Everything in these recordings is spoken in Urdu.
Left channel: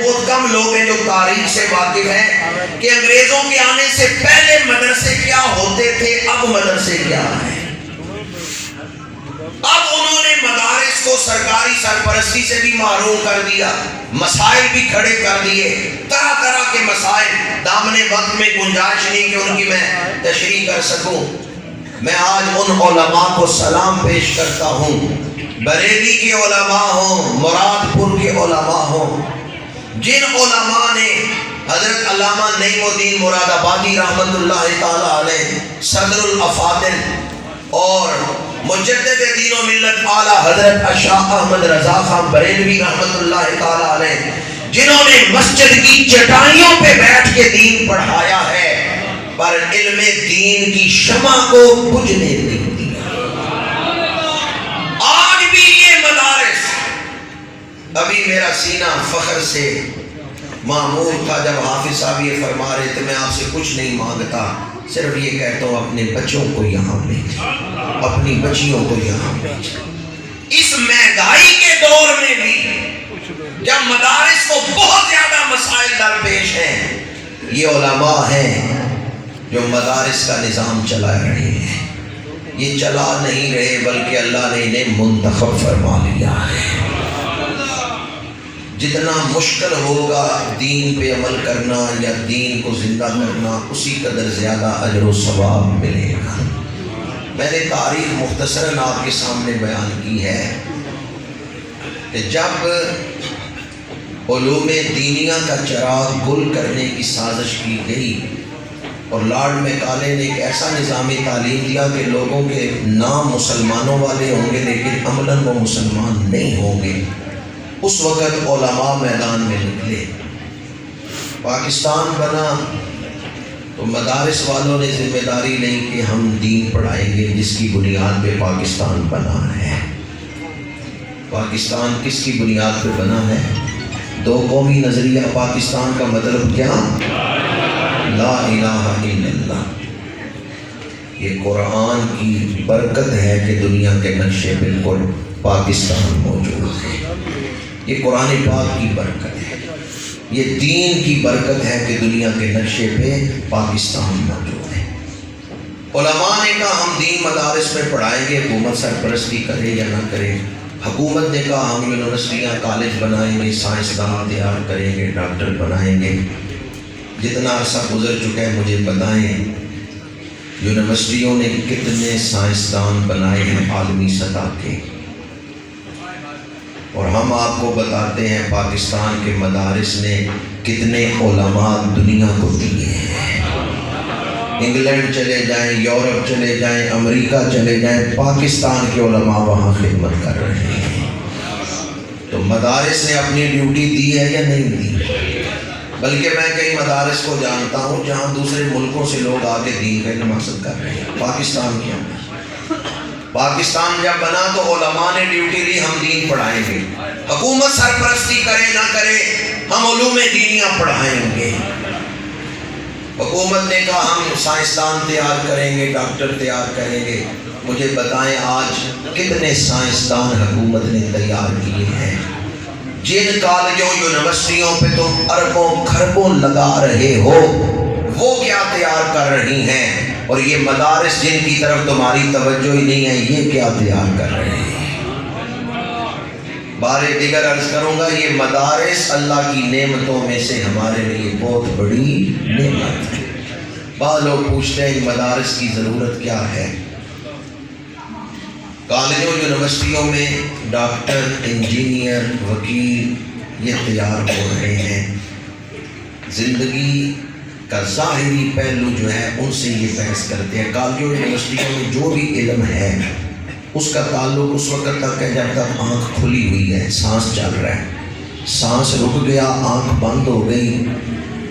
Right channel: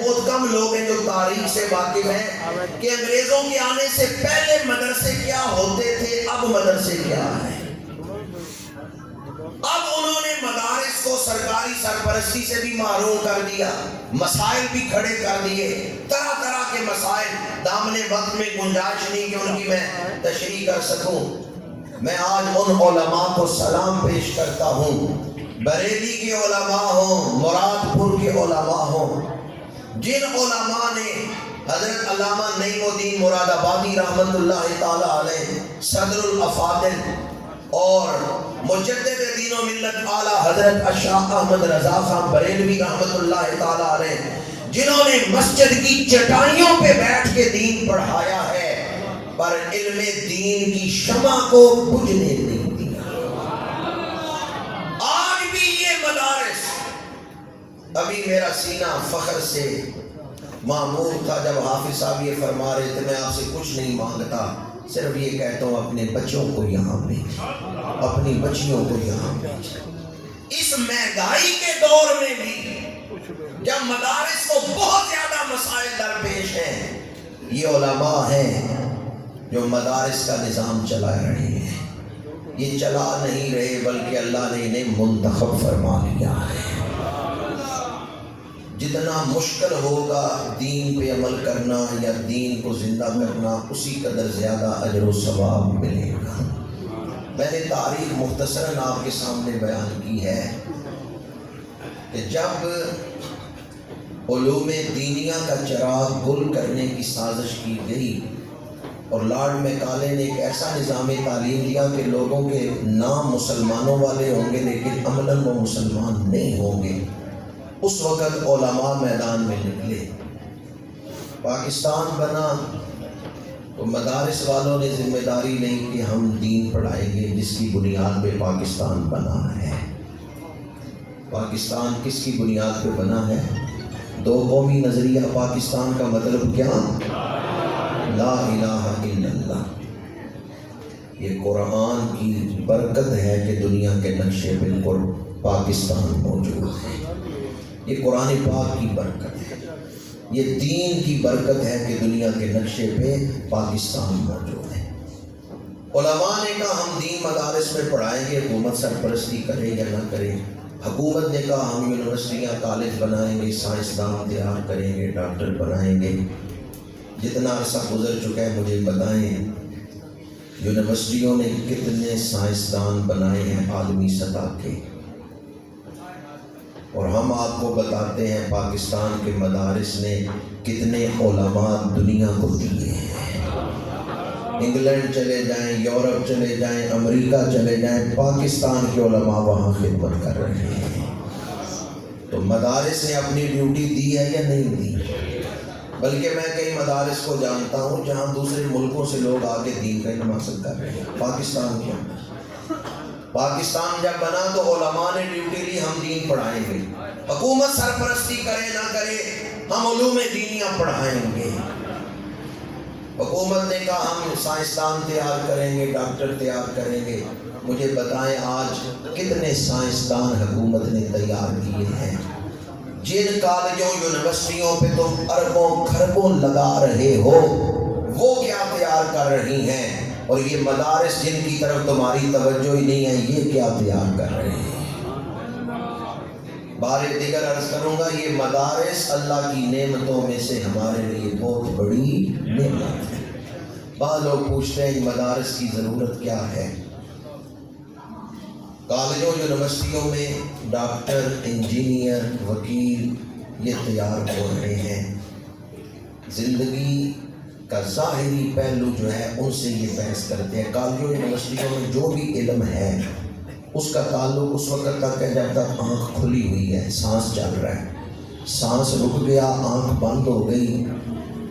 بہت کم لوگ ہیں جو تاریخ سے واقف ہیں کہ انگریزوں کے آنے سے پہلے مدرسے کیا ہوتے تھے، اب مدرسے کیا ہیں۔ اب انہوں نے مدارس کو سرکاری سرپرستی سے بھی محروم کر دیا، مسائل بھی کھڑے کر دیے، طرح طرح کے مسائل۔ دامن وقت میں گنجائش نہیں کہ ان کی میں تشریح کر سکوں۔ میں آج ان علماء کو سلام پیش کرتا ہوں، بریلی کے علماء ہوں، مراد پور کے علماء ہوں، جن علماء نے حضرت علامہ نعیم الدین مراد آبادی رحمت اللہ تعالی علیہ، صدر الافاضل اور مجدد دین و ملت اعلیٰ حضرت شاہ احمد رضا خان بریلوی رحمت اللہ تعالی علیہ، جنہوں نے مسجد کی چٹائیوں پہ بیٹھ کے دین پڑھایا ہے، پر علم دین کی شمع کو بجھنے نہیں دیا۔ آج بھی یہ مدارس، ابھی میرا سینہ فخر سے معمور تھا جب حافظ صاحب یہ فرما رہے تھے، میں آپ سے کچھ نہیں مانگتا، صرف یہ کہتا ہوں اپنے بچوں کو یہاں بھیج، اپنی بچیوں کو یہاں بھیج۔ اس مہنگائی کے دور میں بھی جب مدارس کو بہت زیادہ مسائل درپیش ہیں، یہ علماء ہیں جو مدارس کا نظام چلا رہے ہیں۔ یہ چلا نہیں رہے بلکہ اللہ نے انہیں منتخب فرما لیا ہے۔ جتنا مشکل ہوگا دین پہ عمل کرنا یا دین کو زندہ کرنا، اسی قدر زیادہ اجر و ثواب ملے گا۔ میں نے تاریخ مختصراً آپ کے سامنے بیان کی ہے کہ جب علوم دینیہ کا چراغ گل کرنے کی سازش کی گئی اور لارڈ میکالے نے ایک ایسا نظام تعلیم دیا کہ لوگوں کے نام مسلمانوں والے ہوں گے لیکن عملاً وہ مسلمان نہیں ہوں گے، اس وقت علماء میدان میں نکلے۔ پاکستان بنا تو مدارس والوں نے ذمہ داری لی کہ ہم دین پڑھائیں گے، جس کی بنیاد پہ پاکستان بنا ہے۔ پاکستان کس کی بنیاد پہ بنا ہے؟ دو قومی نظریہ پاکستان کا مطلب کیا؟ لا الہ الا اللہ۔ یہ قرآن کی برکت ہے کہ دنیا کے نقشے بالکل پاکستان موجود ہے۔ یہ قرآن پاک کی برکت ہے، یہ دین کی برکت ہے کہ دنیا کے نقشے پہ پاکستان موجود ہے۔ علماء نے کہا ہم دین مدارس میں پڑھائیں گے، حکومت سرپرستی کرے یا نہ کرے۔ حکومت نے کہا ہم یونیورسٹیاں کالج بنائیں گے، سائنسدان تیار کریں گے، ڈاکٹر بنائیں گے۔ جتنا عرصہ گزر چکا ہے مجھے بتائیں یونیورسٹیوں نے کتنے سائنسدان بنائے ہیں عالمی سطح کے، اور ہم آپ کو بتاتے ہیں پاکستان کے مدارس نے کتنے علماء دنیا کو دیے ہیں۔ انگلینڈ چلے جائیں، یورپ چلے جائیں، امریکہ چلے جائیں، پاکستان کے علماء وہاں خدمت کر رہے ہیں۔ تو مدارس نے اپنی ڈیوٹی دی ہے یا نہیں دی؟ بلکہ میں کئی مدارس کو جانتا ہوں جہاں دوسرے ملکوں سے لوگ آ کے دین کا علم حاصل کر رہے ہیں۔ پاکستان کے اندر پاکستان جب بنا تو علماء نے ڈیوٹی لی ہم دین پڑھائیں گے، حکومت سرپرستی کرے نہ کرے ہم علوم دینیاں پڑھائیں گے۔ حکومت نے کہا ہم سائنسدان تیار کریں گے، ڈاکٹر تیار کریں گے۔ مجھے بتائیں آج کتنے سائنسدان حکومت نے تیار کیے ہیں؟ جن کالجوں یونیورسٹیوں پہ تم اربوں کھربوں لگا رہے ہو وہ کیا تیار کر رہی ہیں، اور یہ مدارس جن کی طرف تمہاری توجہ ہی نہیں ہے یہ کیا تیار کر رہے ہیں؟ بارے دیگر عرض کروں گا یہ مدارس اللہ کی نعمتوں میں سے ہمارے لیے بہت بڑی نعمت ہے۔ بعض لوگ پوچھتے ہیں مدارس کی ضرورت کیا ہے؟ کالجوں یونیورسٹیوں میں ڈاکٹر، انجینئر، وکیل یہ تیار ہو رہے ہیں۔ زندگی کا ظاہری پہلو جو ہے ان سے یہ بحث کرتے ہیں۔ کالجوں یونیورسٹیوں میں جو بھی علم ہے اس کا تعلق اس وقت تک ہے جب تک آنکھ کھلی ہوئی ہے، سانس چل رہا ہے۔ سانس رک گیا، آنکھ بند ہو گئی،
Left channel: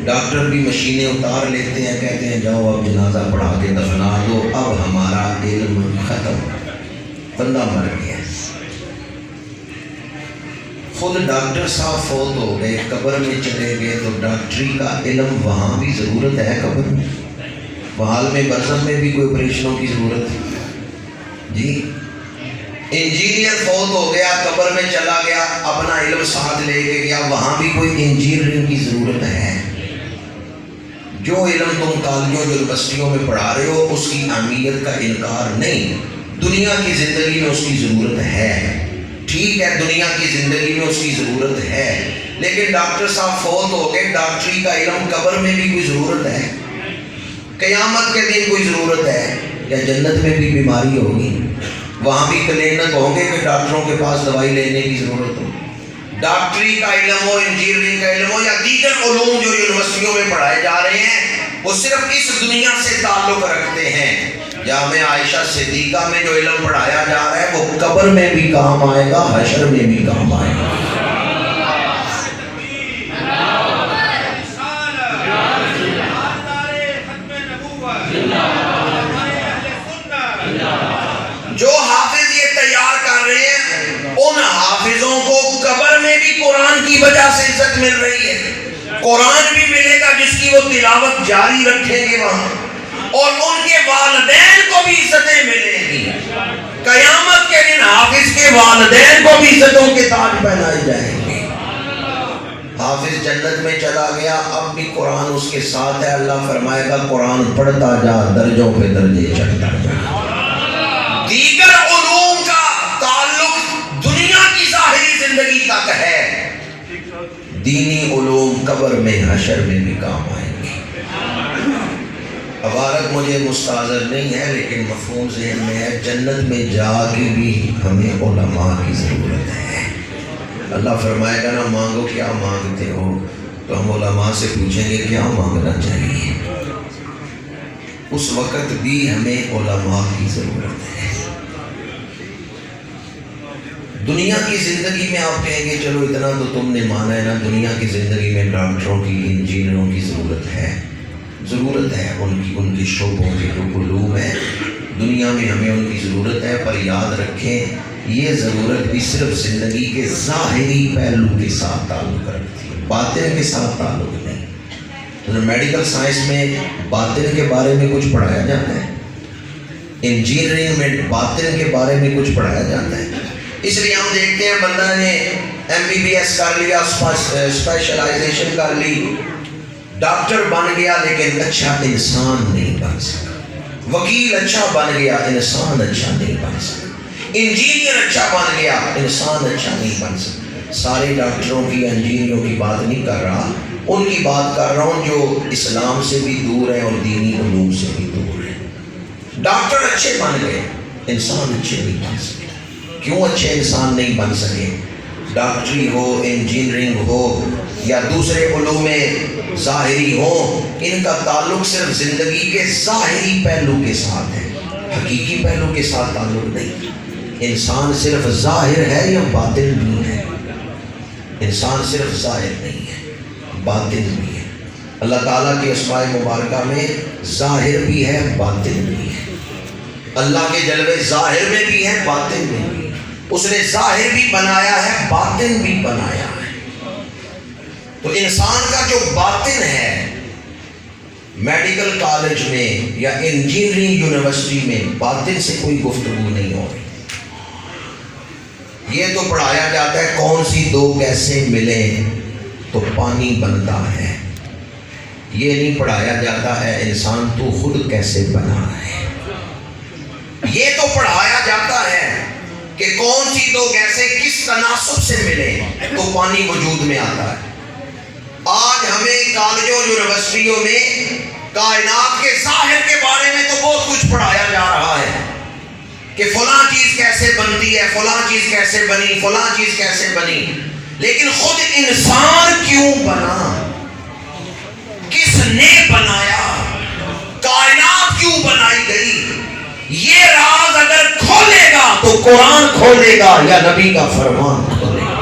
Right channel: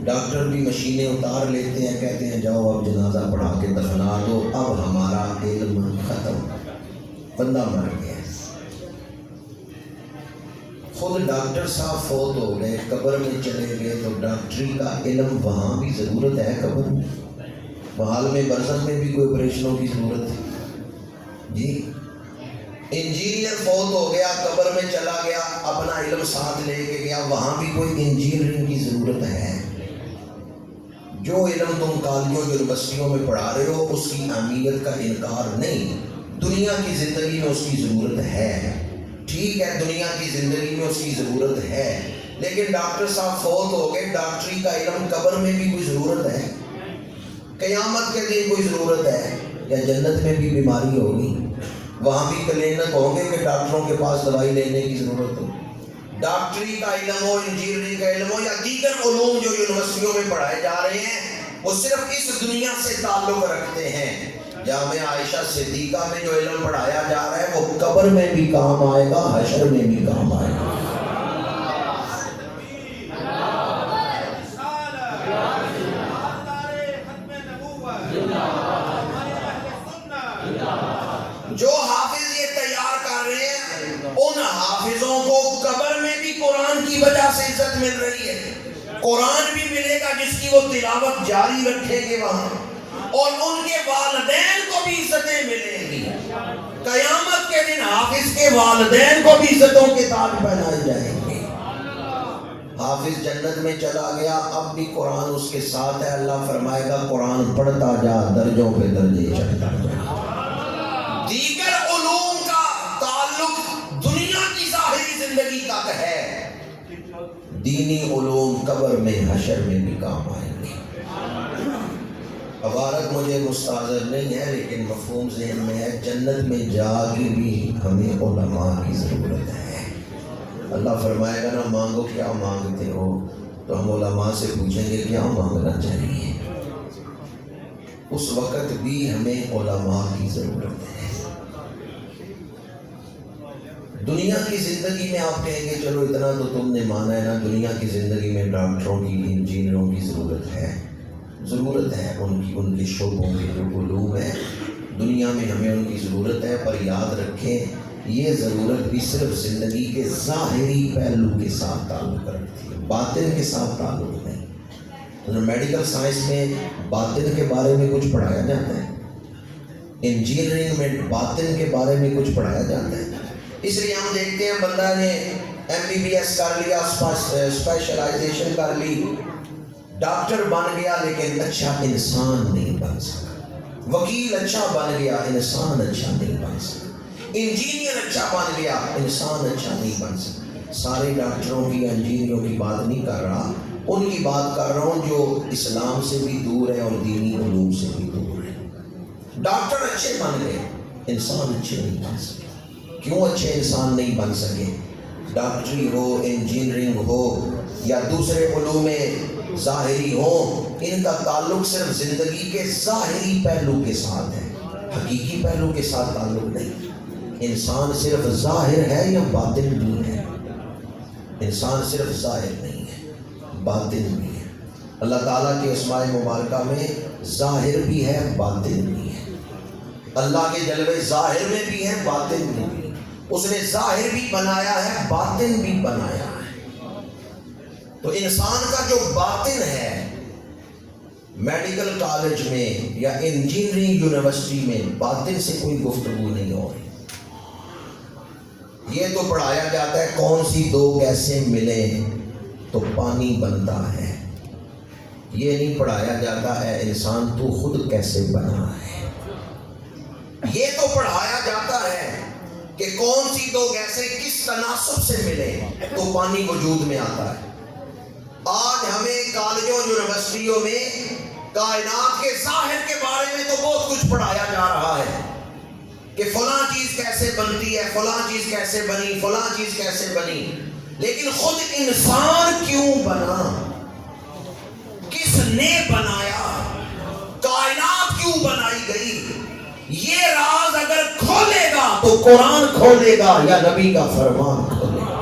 ڈاکٹر بھی مشینیں اتار لیتے ہیں، کہتے ہیں جاؤ اب جنازہ پڑھا کے دفنا دو، اب ہمارا علم ختم، بندہ مر گیا۔ خود ڈاکٹر صاحب فوت ہو گئے، قبر میں چلے گئے تو ڈاکٹری کا علم وہاں بھی ضرورت ہے قبر میں، وحال میں برزخ میں بھی کوئی آپریشنوں کی ضرورت ہے جی۔ انجینئر فوت ہو گیا، قبر میں چلا گیا، اپنا علم ساتھ لے کے گیا، وہاں بھی کوئی انجینئرنگ کی ضرورت ہے؟ جو علم تم کالجوں یونیورسٹیوں میں پڑھا رہے ہو اس کی اہمیت کا انکار نہیں، دنیا کی زندگی میں اس کی ضرورت ہے، ٹھیک ہے دنیا کی زندگی میں اس کی ضرورت ہے، لیکن ڈاکٹر صاحب فوت ہو گئے، ڈاکٹری کا علم قبر میں بھی کوئی ضرورت ہے؟ قیامت کے دن کوئی ضرورت ہے؟ یا جنت میں بھی بیماری ہوگی، وہاں بھی کلینک ہوں گے کہ ڈاکٹروں کے پاس دوائی لینے کی ضرورت ہو؟ ڈاکٹری کا علم ہو، انجینئرنگ کا علم ہو یا دیگر علوم جو یونیورسٹیوں میں پڑھائے جا رہے ہیں، وہ صرف اس دنیا سے تعلق رکھتے ہیں۔ جامعہ عائشہ صدیقہ میں جو علم پڑھایا جا رہا ہے وہ قبر میں بھی کام آئے گا، حشر میں بھی کام آئے گا۔ جو حافظ یہ تیار کر رہے ہیں ان حافظوں کو قبر میں بھی قرآن کی وجہ سے عزت مل رہی ہے، قرآن بھی ملے گا جس کی وہ تلاوت جاری رکھیں گے وہاں، اور ان کے والدین کو بھی عزتیں ملیں گی، قیامت کے دن حافظ کے والدین کو بھی عزتوں کے تاج پہنائے جائیں گے۔ حافظ جنت میں چلا گیا، اب بھی قرآن اس کے ساتھ ہے، اللہ فرمائے گا قرآن پڑھتا جا، درجوں پہ درجے چڑھتا جا۔ دیگر علوم کا تعلق دنیا کی ظاہری زندگی تک ہے، دینی علوم قبر میں حشر میں بھی کام آئیں گے۔ عبارت مجھے مستحضر نہیں ہے لیکن مفہوم ذہن میں ہے، جنت میں جا کے بھی ہمیں علماء کی ضرورت ہے۔ اللہ فرمائے گا نا مانگو کیا مانگتے ہو، تو ہم علماء سے پوچھیں گے کیا مانگنا چاہیے، اس وقت بھی ہمیں علماء کی ضرورت ہے۔ دنیا کی زندگی میں آپ کہیں گے چلو اتنا تو تم نے مانا ہے نا، دنیا کی زندگی میں ڈاکٹروں کی، انجینئروں کی ضرورت ہے، ضرورت ہے ان کے شعبوں کے جو علوم ہیں دنیا میں ہمیں ان کی ضرورت ہے، پر یاد رکھیں یہ ضرورت بھی صرف زندگی کے ظاہری پہلو کے ساتھ تعلق رکھتی ہے، باطن کے ساتھ تعلق نہیں۔ میڈیکل سائنس میں باطن کے بارے میں کچھ پڑھایا جاتا ہے، انجینئرنگ میں باطن کے بارے میں کچھ پڑھایا جاتا ہے، اس لیے ہم دیکھتے ہیں بندہ نے MBBS کر لیا، اسپیشلائزیشن کر لی، ڈاکٹر بن گیا لیکن اچھا انسان نہیں بن سکا، وکیل اچھا بن گیا انسان اچھا نہیں بن سکا، انجینئر اچھا بن گیا انسان اچھا نہیں بن سکا۔ سارے ڈاکٹروں کی، انجینئروں کی بات نہیں کر رہا، ان کی بات کر رہا ہوں جو اسلام سے بھی دور ہیں اور دینی علوم سے بھی دور ہیں۔ ڈاکٹر اچھے بن گئے، انسان اچھے نہیں بن سکے۔ کیوں اچھے انسان نہیں بن سکے؟ ڈاکٹری ہو، انجینئرنگ ہو یا دوسرے علوم ظاہری ہو، ان کا تعلق صرف زندگی کے ظاہری پہلو کے ساتھ ہے، حقیقی پہلو کے ساتھ تعلق نہیں۔ انسان صرف ظاہر ہے یا باطن بھی ہے؟ انسان صرف ظاہر نہیں ہے، باطن بھی ہے۔ اللہ تعالیٰ کے اسماء مبارکہ میں ظاہر بھی ہے، باطن بھی ہے۔ اللہ کے جلوے ظاہر میں بھی ہے، باطن میں بھی ہے۔ اس نے ظاہر بھی بنایا ہے، باطن بھی بنایا ہے۔ تو انسان کا جو باطن ہے، میڈیکل کالج میں یا انجینئرنگ یونیورسٹی میں باطن سے کوئی گفتگو نہیں ہو رہی۔ یہ تو پڑھایا جاتا ہے کون سی دو کیسے ملیں تو پانی بنتا ہے، یہ نہیں پڑھایا جاتا ہے انسان تو خود کیسے بنا ہے۔ یہ تو پڑھایا جاتا ہے کہ کون سی دو گیسیں کس تناسب سے ملیں تو پانی وجود میں آتا ہے۔ آج ہمیں کالجوں یونیورسٹیوں میں کائنات کے ظاہر کے بارے میں تو بہت کچھ پڑھایا جا رہا ہے کہ فلاں چیز کیسے بنتی ہے، فلاں چیز کیسے بنی، فلاں چیز کیسے بنی، لیکن خود انسان کیوں بنا، کس نے بنایا، کائنات کیوں بنائی گئی، یہ راز اگر کھولے گا تو قرآن کھولے گا یا نبی کا فرمان کھولے گا۔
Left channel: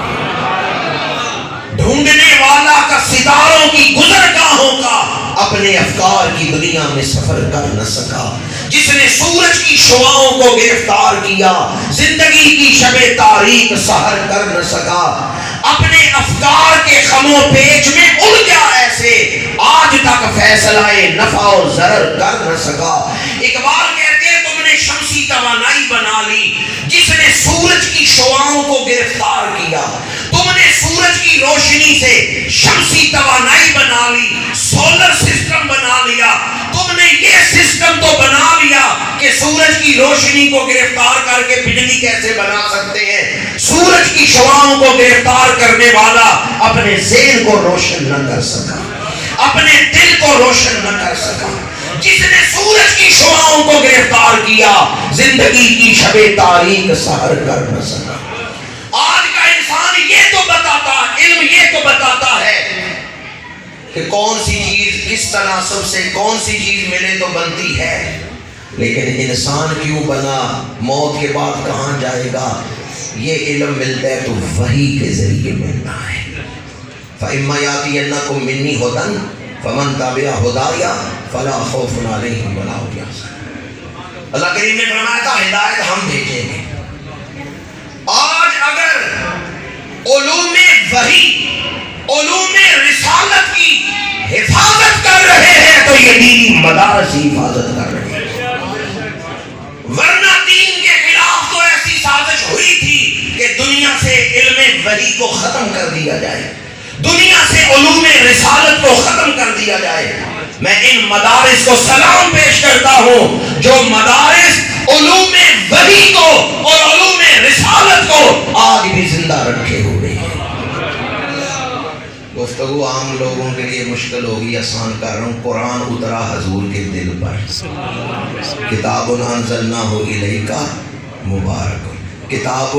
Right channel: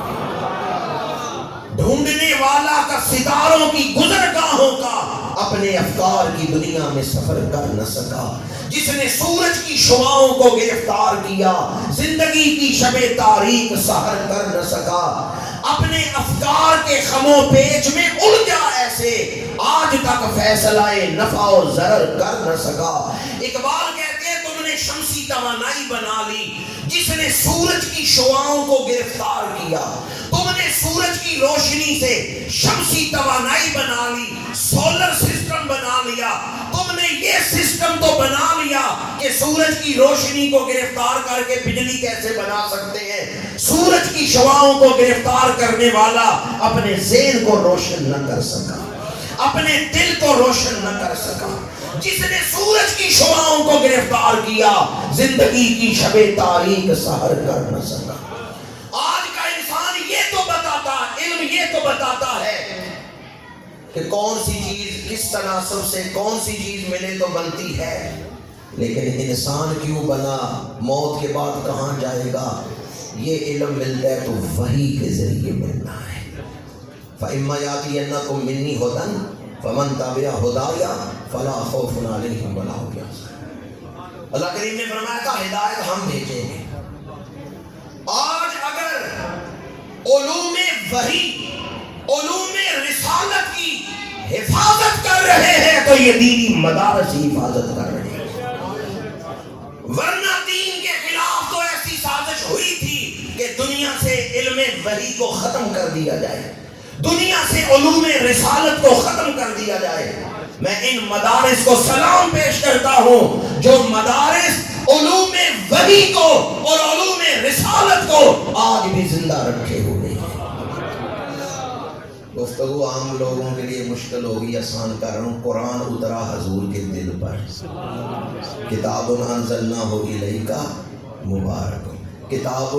ڈھونڈنے والا کا ستاروں کی گزرگاہوں کا اپنے افکار کی دنیا میں سفر کر نہ سکا، جس نے سورج کی شعاؤں کو گرفتار کیا زندگی کی شب تاریک سحر کر نہ سکا، اپنے افکار کے خم و پیچ میں الجھا ایسے آج تک فیصلہ نفع و ضرر کر نہ سکا۔ اقبال کہتے ہیں تم نے شمسی توانائی بنا لی، جس نے سورج سورج کی شعاعوں کو گرفتار کیا، تم نے سورج کی روشنی سے شمسی توانائی بنا لی، سولر سسٹم بنا لیا، تم نے یہ سسٹم تو بنا لیا کہ سورج کی روشنی کو گرفتار کر کے بجلی کیسے بنا سکتے ہیں۔ سورج کی شعاعوں کو گرفتار کرنے والا اپنے ذہن کو روشن نہ کر سکا، اپنے دل کو روشن نہ کر سکا۔ جس نے سورج کی شعاعوں کو گرفتار کیا زندگی کی شب تاریک سحر کر نہ سکا۔ آج کا انسان یہ تو بتاتا، علم یہ تو بتاتا ہے کہ کون سی چیز کس تناسب سے کون سی چیز ملے تو بنتی ہے، لیکن انسان کیوں بنا، موت کے بعد کہاں جائے گا، یہ علم ملتا ہے تو وحی کے ذریعے ملتا ہے۔ فَإِمَّا يَأْتِيَنَّكُم مِّنِّي هُدًى فَمَن تَبِعَ هُدَايَ فَلَا خَوْفٌ عَلَيْهِمْ وَلَا هُمْ يَحْزَنُونَ۔ اللہ کریم نے فرمایا تھا ہدایت ہم بھیجیں گے۔ آج اگر علوم وحی، علوم رسالت کی حفاظت کر رہے ہیں تو یہ دینی مدارس ہی حفاظت کر رہے ہیں، ورنہ دین کے خلاف تو ایسی سازش ہوئی تھی کہ دنیا سے علم وحی کو ختم کر دیا جائے، دنیا سے علوم رسالت کو ختم کر دیا جائے۔ میں ان مدارس کو سلام پیش کرتا ہوں جو مدارس علوم وحی کو اور علوم رسالت کو آج بھی زندہ رکھے ہوئے ہیں۔ گفتگو عام لوگوں کے لیے مشکل ہوگی، آسان کر رہا ہوں۔ قرآن اترا حضور کے دل پر، کتاب انزلناہ الیک مبارک، کتاب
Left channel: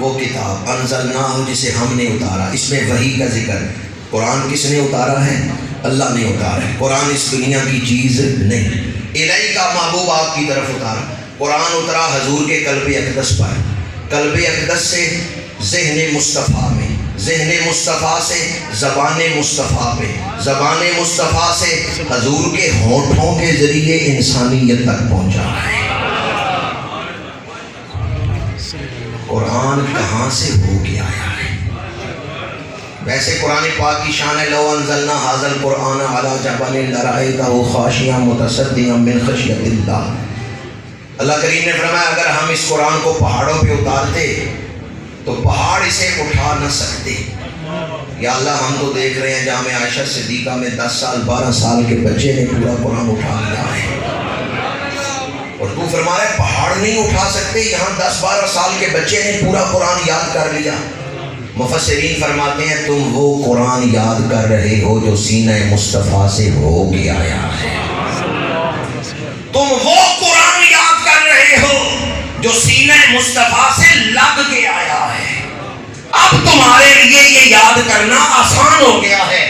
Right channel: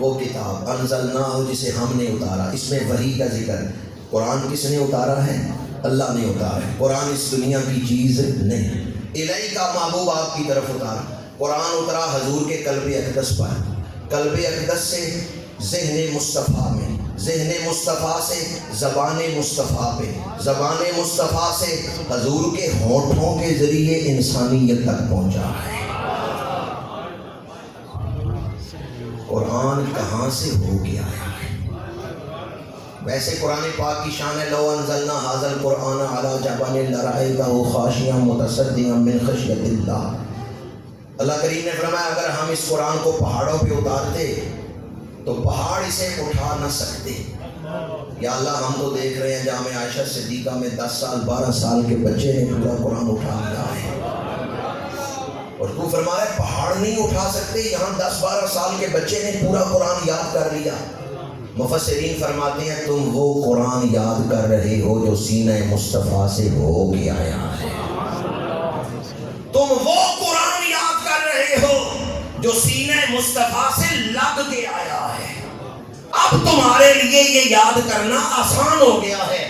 وہ کتاب انزلناہ جسے ہم نے اتارا، اس میں وحی کا ذکر۔ قرآن کس نے اتارا ہے؟ اللہ نے اتارا ہے۔ قرآن اس دنیا کی چیز نہیں، الہی کا محبوب آپ کی طرف اتارا۔ قرآن اترا حضور کے قلب اقدس پر، قلب اقدس سے ذہن مصطفیٰ میں، ذہن مصطفیٰ سے زبان مصطفیٰ پہ، زبان مصطفیٰ سے حضور کے ہونٹوں کے ذریعے انسانیت تک پہنچا ہے۔ قرآن کہاں سے ہو کے آیا ہے؟ ویسے قرآن پاک کی شان ہے، لو انزلنا ھذا القرآن علی جبل لرأیتہ خاشعا متصدعا من خشیۃ اللہ۔ اللہ کریم نے فرمایا اگر ہم اس قرآن کو پہاڑوں پہ اتارتے تو پہاڑ اسے اٹھا نہ سکتے۔ یا اللہ ہم تو دیکھ رہے ہیں جامع عائشہ صدیقہ میں 10 سال 12 سال کے بچے نے پورا قرآن اٹھا لیا ہے، اور تو فرمایا پہاڑ نہیں اٹھا سکتے، یہاں 10-12 سال کے بچے نے پورا قرآن یاد کر لیا۔ مفسرین فرماتے ہیں تم وہ قرآن یاد کر رہے ہو جو سینہ مصطفیٰ سے ہو کے آیا ہے، تم وہ قرآن یاد کر رہے ہو جو سینہ مصطفیٰ سے لگ کے آیا ہے۔ اب تمہارے لیے یہ یاد کرنا آسان ہو گیا ہے۔